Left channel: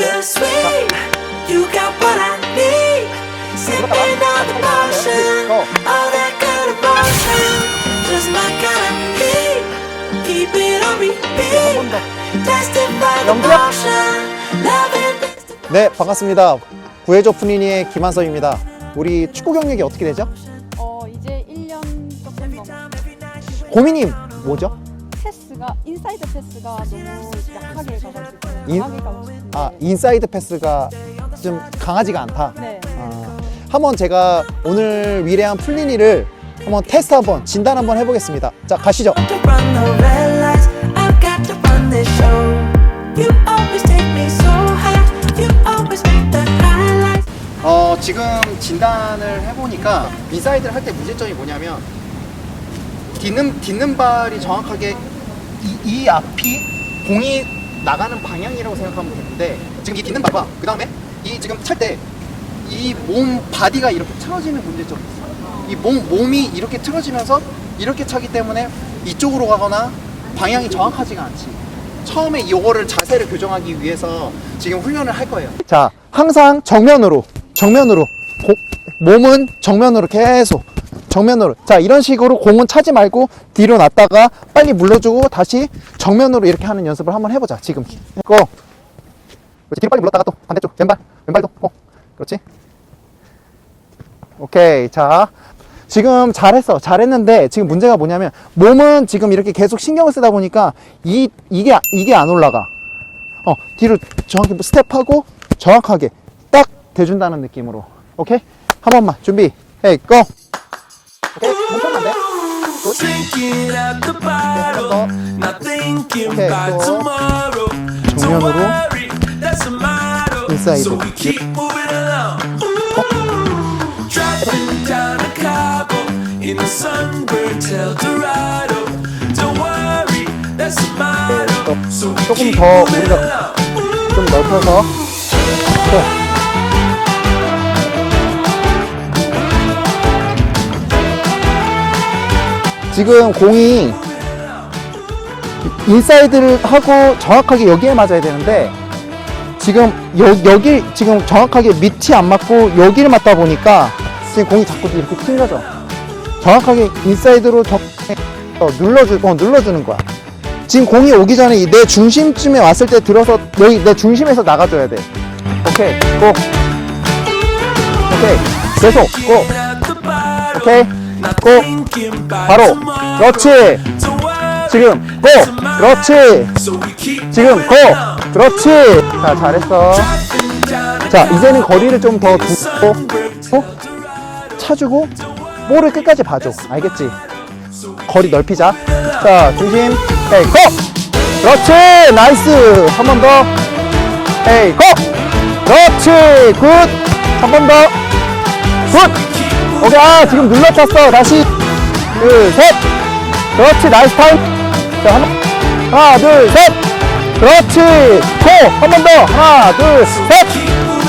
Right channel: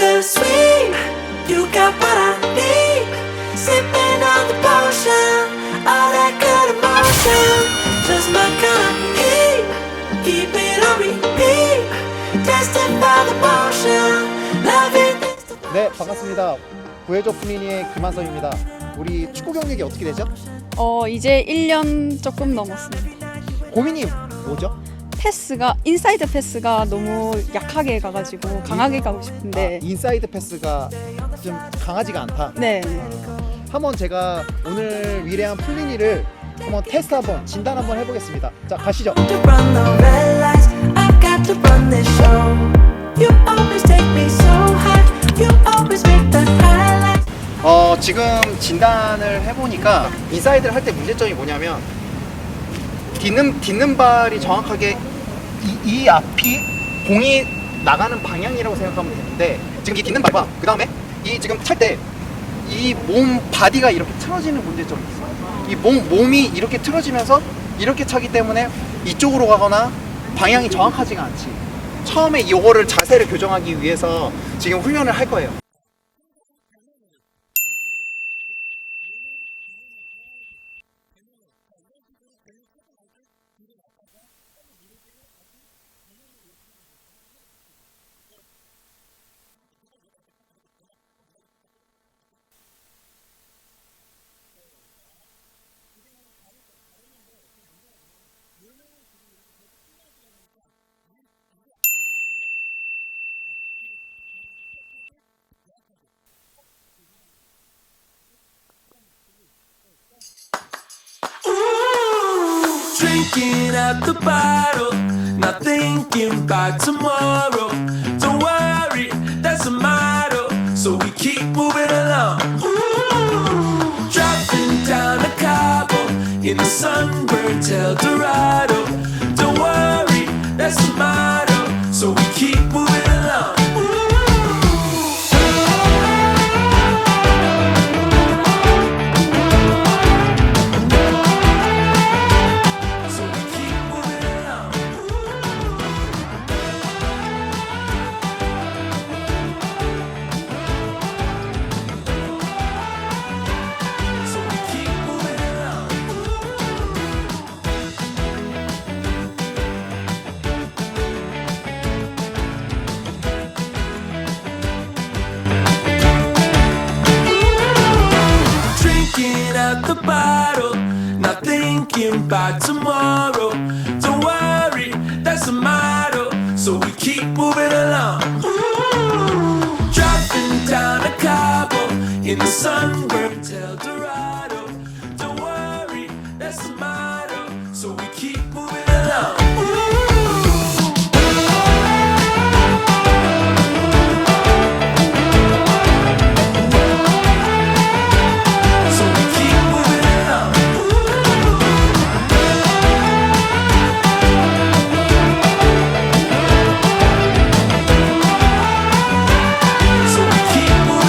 bittersweet. You got what I need. Sipping on the potion, all that good emotion. Just my kind of heat. Keep it on repeat. By the motion. Loving things to 네, 반갑습니다. 구해줘 푸니니의 김한성입니다. 우리 축구 경력이 어떻게 되죠? 어 이제 1년 조금 넘었어요. 고민이 뭐죠? 패스가 인사이드 패스가 너무 약하게 가가지고 강하게 가고 아, 싶은데 인사이드 패스가 좀 강하지가 않다. 네 한번 제가 오늘 위대한 푸니니를 한번 테스트 한번 진단 한번 해보겠습니다. 자, 가시죠. to run the red lights. I've got to run this show. You always take me so high. You always make the highlights. 어, 지금 진단을 해보니까 인사이드를 할 때 문제점이 뭐냐면 딛는, 딛는 발이 정확하게 이, 이 앞이 공이 나가는 방향이라고 생각하면 되는데 지금 이 딛는 발과 그 다음에 이 지금 찰 때 이 몸 바디가 이렇게 틀어지는 문제점이 있어. 이 몸, 몸이 이렇게 틀어지면서 이렇게 차기 때문에 이쪽으로 가거나 방향이 정확하지가 않지. 처음에 이거를 자세를 교정하기 위해서 지금 훈련을 할 거예요. 자, 항상 정면으로, 정면으로, 고- 몸은 정면으로 계속 정면으로. 자, 이런 식으로 공은 차지 말고 뒤로 놨다가 빨리 물러주고 다시 정면으로 이렇게 하는 연습을 한번 해보자. 지금. 고. 그렇지. 뒤로 빨리 물렀다가 또 반대쪽 왼발, 왼발도. 고. 그렇지. 오케이. 자, 지금 잘했어. 잘했는데 지금 문제가 뭐냐면 몸은 지금 이렇게 계속 신경을 쓰다 보니까 이 이게 이게 안 올라가. 어, 뒤로 정확히 스텝하고 정확하게 딱 대준다는 느낌으로. 오케이? 한 번만 준비. 헤이 고. Drinking at the bottle, not thinking about tomorrow. Don't worry, that's a motto. So we keep moving along. Ooh, driving down the Cabo in the sunburnt El Dorado. Don't worry, that's a motto. So we keep moving along. 지금 공이 인사이드를 하고 정확하게 여기에 맞아야 되는데 지금 여, 여기 지금 정확하게 밑이 안 맞고 여기를 맞다 보니까 지금 공이 자꾸 이렇게 튕겨져 정확하게 인사이드로 더, 더 눌러주, 더 눌러주는 거야 지금 공이 오기 전에 내 중심쯤에 왔을 때 들어서 여기 내 중심에서 나가줘야 돼. 오케이, 고. 오케이, 계속 고. Thinking about 바로. 그렇지. 지금 고. 그렇지. 지금 고. 그렇지. 자, 잘했어. 자, 이제는 거리를 좀 더 두고 차주고 볼을 끝까지 봐줘. 알겠지? 거리 넓히자. 자, 중심. 헤이, 고! 그렇지! 나이스! 한 번 더. 헤이, 고! 그렇지! 굿! 한 번 더. 굿! 오케이, 아, 지금 눌러쳤어. 다시. 둘, 셋. 그렇지, 나이스 타임. 자, 한 번. 하나, 둘, 셋. 그렇지. 고! 한번 더. 하나, 둘, 셋.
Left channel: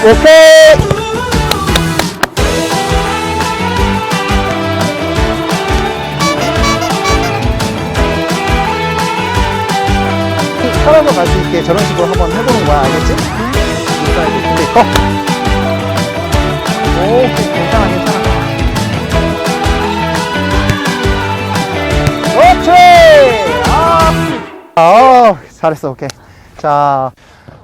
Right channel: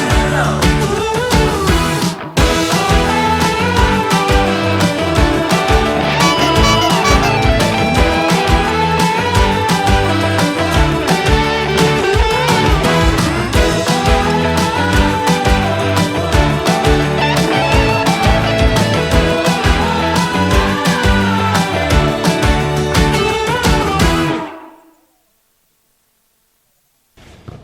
오케이. 편하게 갈수 있게 저런? 자, 잘했어. 오케이. 자,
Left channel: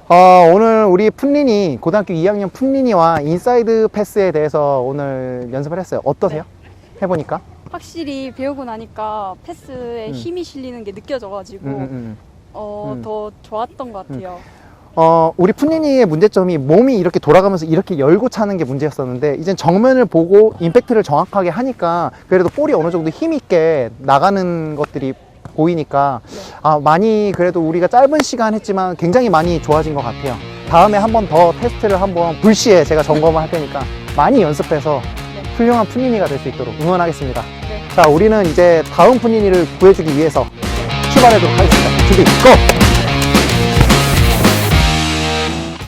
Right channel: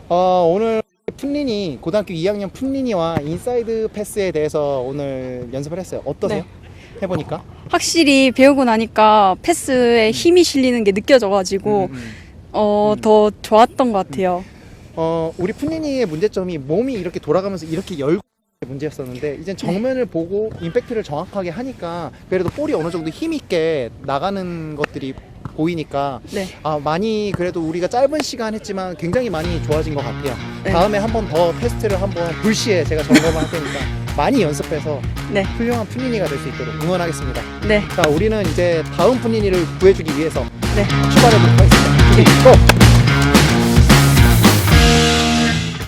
어, 오늘 우리 푼린이, 고등학교 2학년 푼린이와 인사이드 패스에 대해서 오늘 연습을 했어요. 어떠세요? 해보니까? 확실히 배우고 나니까 패스에 힘이 실리는 게 느껴져가지고 음, 음. 어더 좋았던 것 같아요. 어, 우리 푼니니의 문제점이 몸이 이렇게 돌아가면서 이렇게 열고 차는 게 문제였었는데, 이제 정면을 보고 임팩트를 정확하게 하니까, 그래도 볼이 어느 정도 힘 있게 나가는 것들이 보이니까, 네. 아, 많이 그래도 우리가 짧은 시간 했지만 굉장히 많이 좋아진 것 같아요. 다음에 한 번 더 테스트를 한번 불시에 제가 점검을 할 테니까, 많이 연습해서 네, 훌륭한 푼니니가 될 수 있도록 응원하겠습니다. 네, 자, 우리는 이제 다음 푼니니를 보여주기 위해서 네. 출발해보도록 하겠습니다. 준비, 고!